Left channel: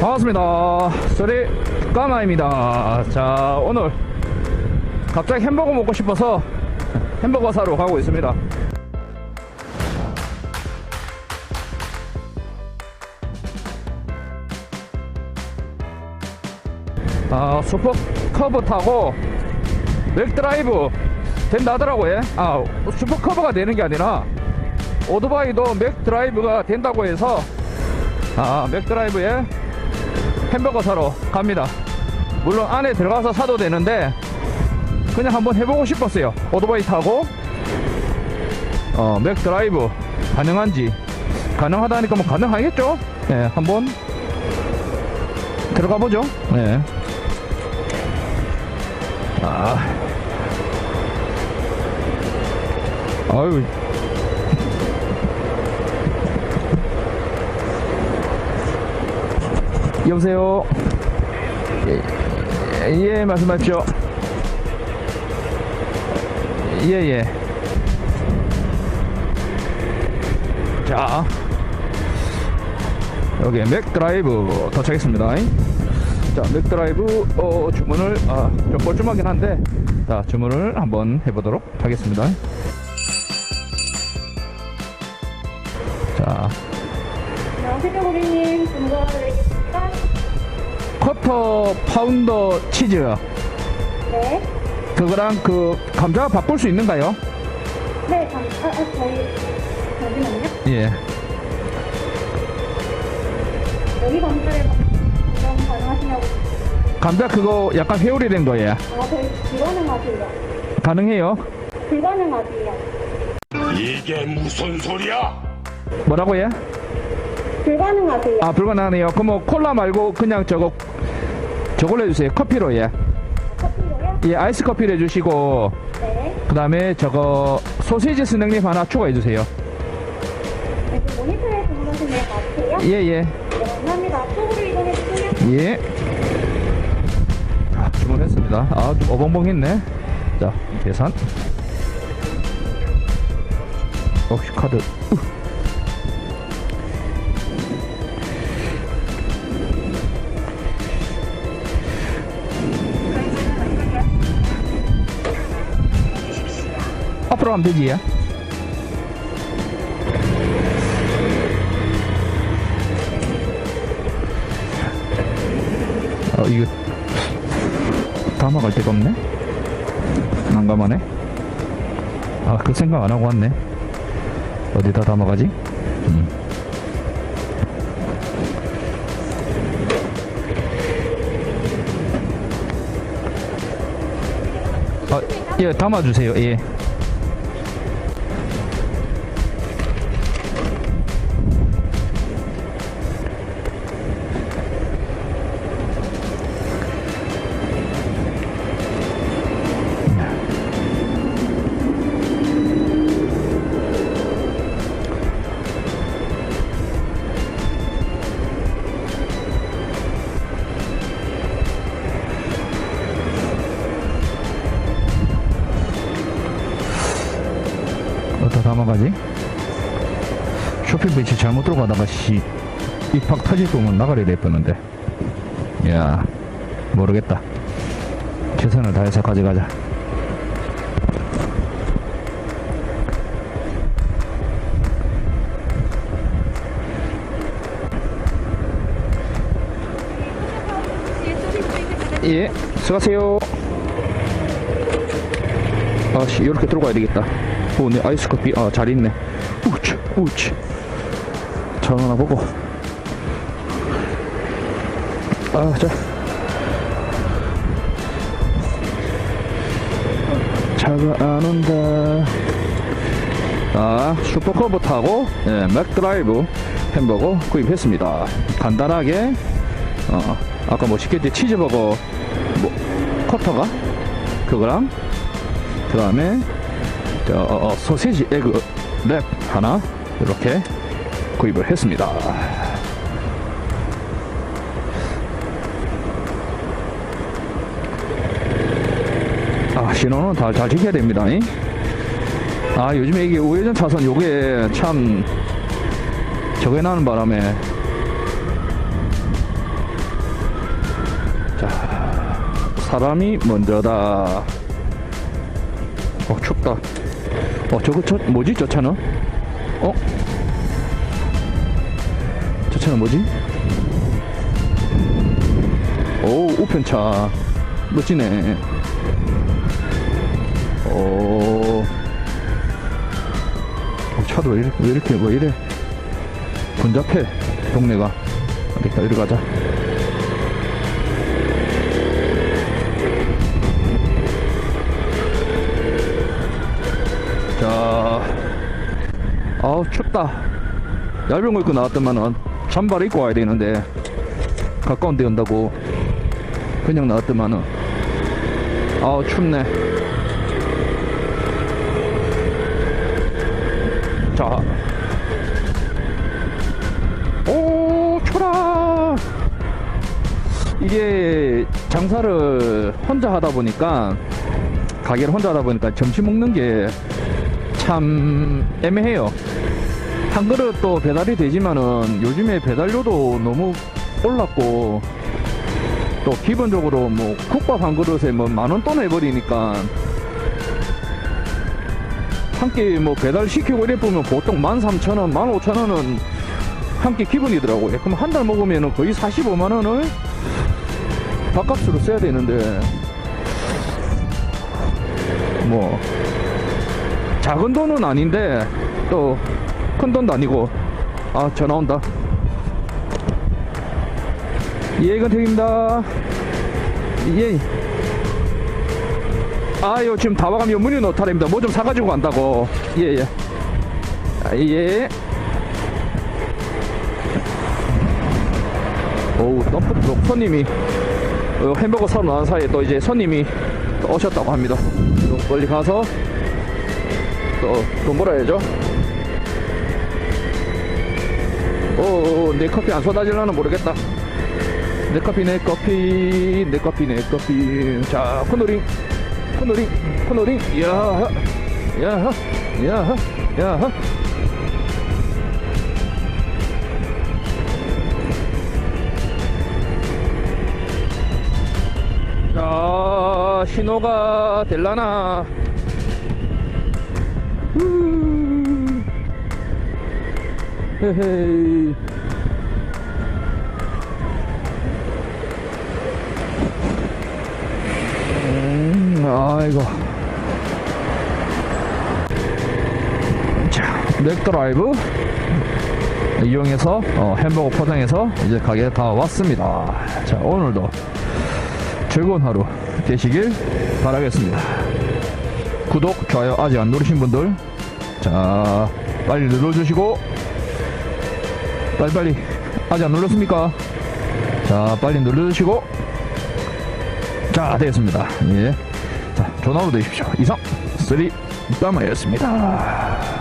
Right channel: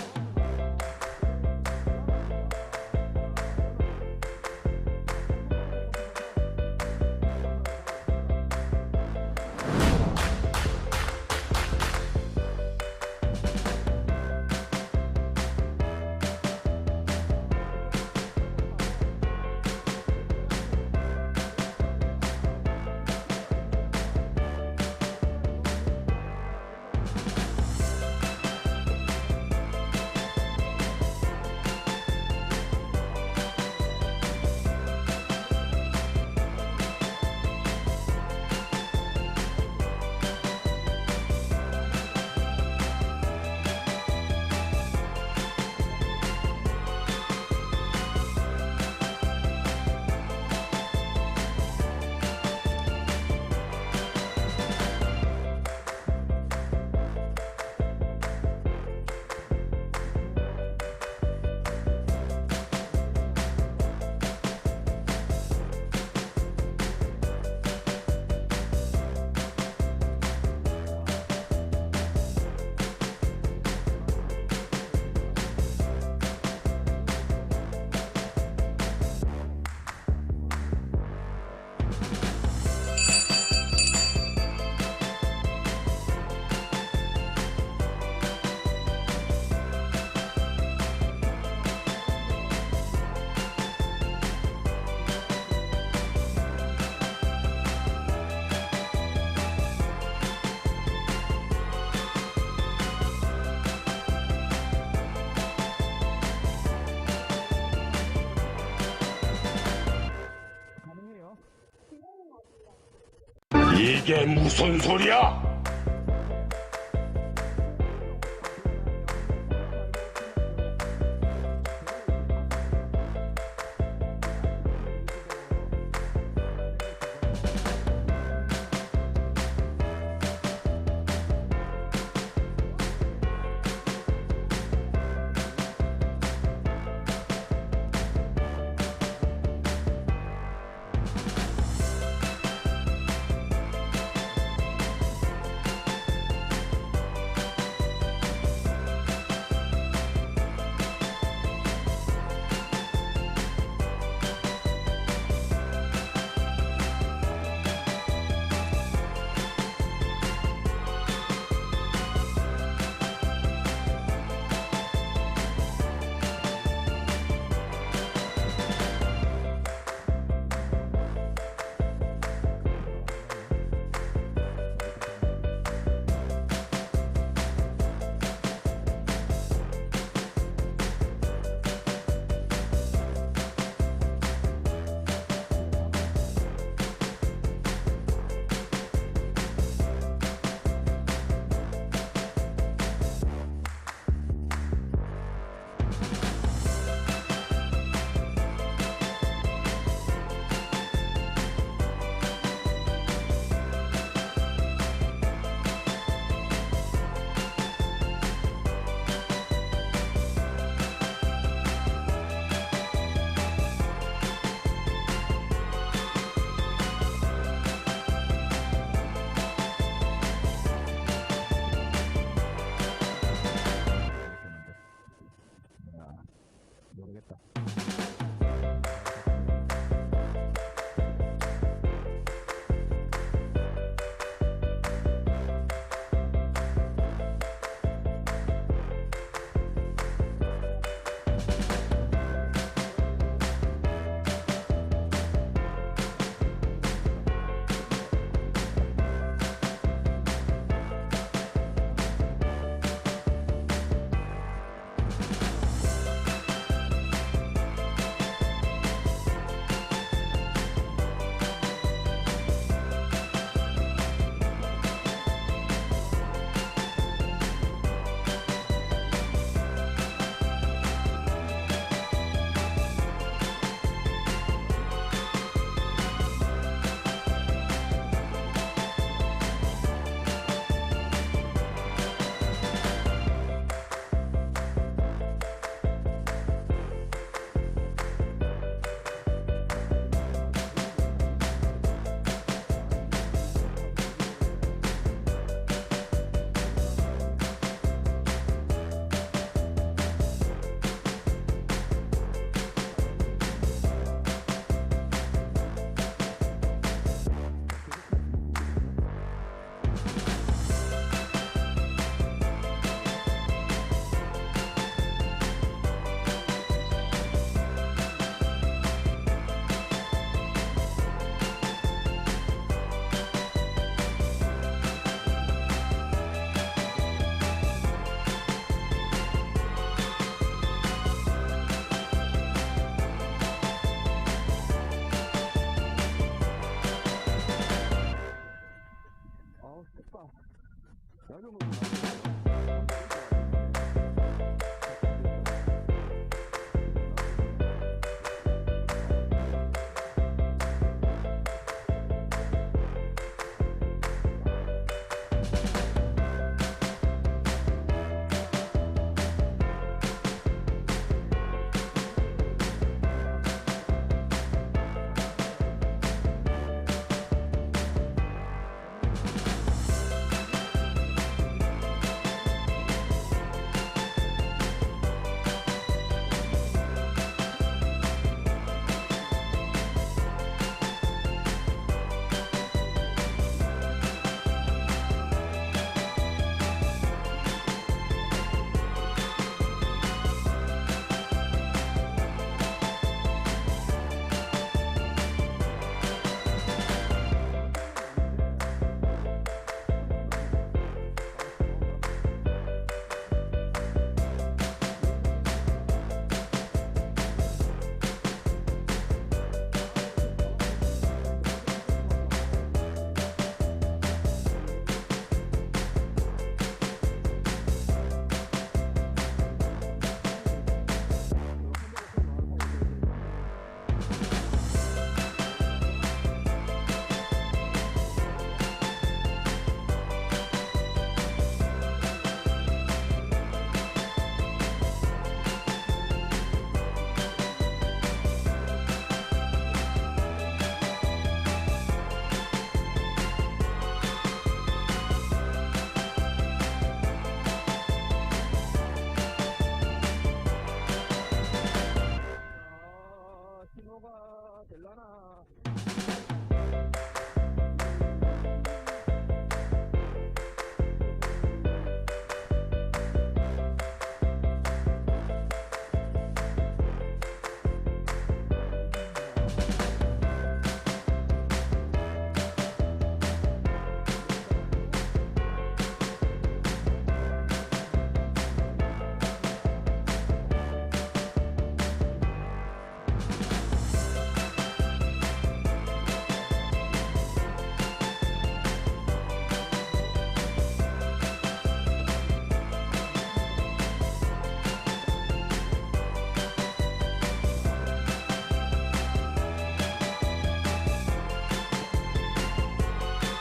반갑습니다. 소리 까마입니다. 자, 오늘 갑자기 햄버거 먹고 싶어서 햄버거 사러 가고 있습니다. 아, 슈퍼 커브 타고 맥드라이브 된다 하더라고요. 아, 슈퍼 커브가 되는 게 아니라 오토바이도 맥드라이브가 된다고 해서 아, 맥드라이브에 햄버거 사러 갑니다. 물론 안에 들어가서 사도 되는데 그냥 한번 해보고 싶었어요. 오토바이 타고 어, 맥드라이브 가능한지 가능하다니까 뭐 가능하겠죠? 네, 한번 들어가 보죠. 네. 여보세요. 예, 예, 말씀하십시오. 예, 예. 자, 여기 맥드라이브 도착했습니다. 자, 맥드라이브 어, 주문을 아, 좀 뻘쭘하긴 한데, 자, 주문을 한번 해보도록 하겠습니다. 자, 안녕하세요 고객님 준비해드릴까? 쿼터 파운더 치즈 네. 그거랑 그 감자 바꿀 수 있는가요? 네, 감, 아, 아, 저희, 잠시만요. 예. 여기 그럼 가능하시냐고. 감자 그거 약간 회오리 된 거예요. 아, 저희 불가능하세요. 가능해요? 불가능하세요. 이게 무슨 소리야? 뭐라고 해? 불가능하세요. 아 불가능하네요. 그럼 뭐 콜라 말고 그냥 저거 저걸로 해주세요. 커피로 예. 커피로요? 예 아이스 커피를 해주시고 네. 그 다음에 저거 소시지 스낵립 하나 추가해주세요. 네, 그 모니터에 주문하신 네, 맞세요? 예 예 네, 감사합니다. 앞쪽으로 이동해 주세요. 예. 아, 주문했습니다. 아 어벙벙했네. 자 계산. 역시 카드. 우. 가면 되지. 어, 이거 담아갈 데가 없네? 난감하네? 아, 그 생각 안 하고 왔네. 어디다 담아가지? 음. 아, 예, 담아주세요, 예. 담아가지? 쇼핑 벤치 잘못 들고 가다가 씨 입학 터질 거면 나가려 됐었는데. 야 모르겠다. 최선을 다해서 가져가자. 예 수고하세요. 아씨 이렇게 들어가야 되겠다 오, 내 아이스 커피. 아 잘 있네. 우치 우치. 전화 보고. 아자. 차가 안 온다 아 슈퍼커브 타고 예, 맥드라이브 햄버거 구입했습니다. 간단하게 어, 아까 뭐 시켰지? 치즈버거 뭐 커터가? 그거랑 그 다음에 어, 어, 소세지 에그 랩 하나 이렇게 구입을 했습니다. 아 신호는 다 잘 지켜야 됩니다. 이? 아 요즘에 이게 우회전 차선 요게 참 저게 나는 바람에 사람이 먼저다. 어, 춥다. 어, 저거, 저, 뭐지, 저 차는? 어? 저 차는 뭐지? 오, 우편차. 멋지네. 오. 어, 차도 왜 이렇게, 왜 이렇게, 왜 이래? 번잡해, 동네가. 알겠다, 이리 가자. 자, 아우 춥다. 얇은 거 입고 나왔더만은 잠바를 입고 와야 되는데 가까운 데 온다고 그냥 나왔더만은 아우 춥네. 자. 이게 장사를 혼자 하다 보니까 가게를 혼자 하다 보니까 점심 먹는 게 참 애매해요. 한 그릇 또 배달이 되지만은 요즘에 배달료도 너무 올랐고 또 기본적으로 뭐 국밥 한 그릇에 뭐 만 원 또 내버리니까 한 끼 뭐 배달 시키고 이래 보면 보통 만 삼천 원, 만 오천 원은 한 끼 기본이더라고요. 그럼 한 달 먹으면 거의 45만 원을 밥값으로 써야 되는데 뭐 작은 돈은 아닌데 또 큰 돈도 아니고. 아 전화 온다. 예 건택입니다. 예. 아유 지금 다 와가면 문이 노탈입니다. 뭐 좀 사가지고 간다고. 예예. 아, 예 오우 또, 또 손님이 어, 햄버거 사러 나온 사이에 또 이제 손님이 또 오셨다고 합니다. 빨리 가서 또, 돈 벌어야죠. 오, 내 커피 안 쏟아질라나 모르겠다. 내 커피, 내 커피, 내 커피, 내 커피. 자, 코너링, 코너링, 코너링. 야, 야, 야, 야. 자, 신호가 될라나. 음. 헤헤이. 음, 아이고. 자, 넥드라이브 이용해서 어, 햄버거 포장해서 이제 가게에 다 왔습니다. 자, 오늘도 즐거운 하루 되시길 바라겠습니다. 구독, 좋아요 아직 안 누르신 분들 자 빨리 눌러주시고 빨리 빨리 아직 안 눌렀습니까? 자 빨리 눌러주시고 자 되겠습니다 예. 자 전화로 되십시오 이상 쓰리 땀마였습니다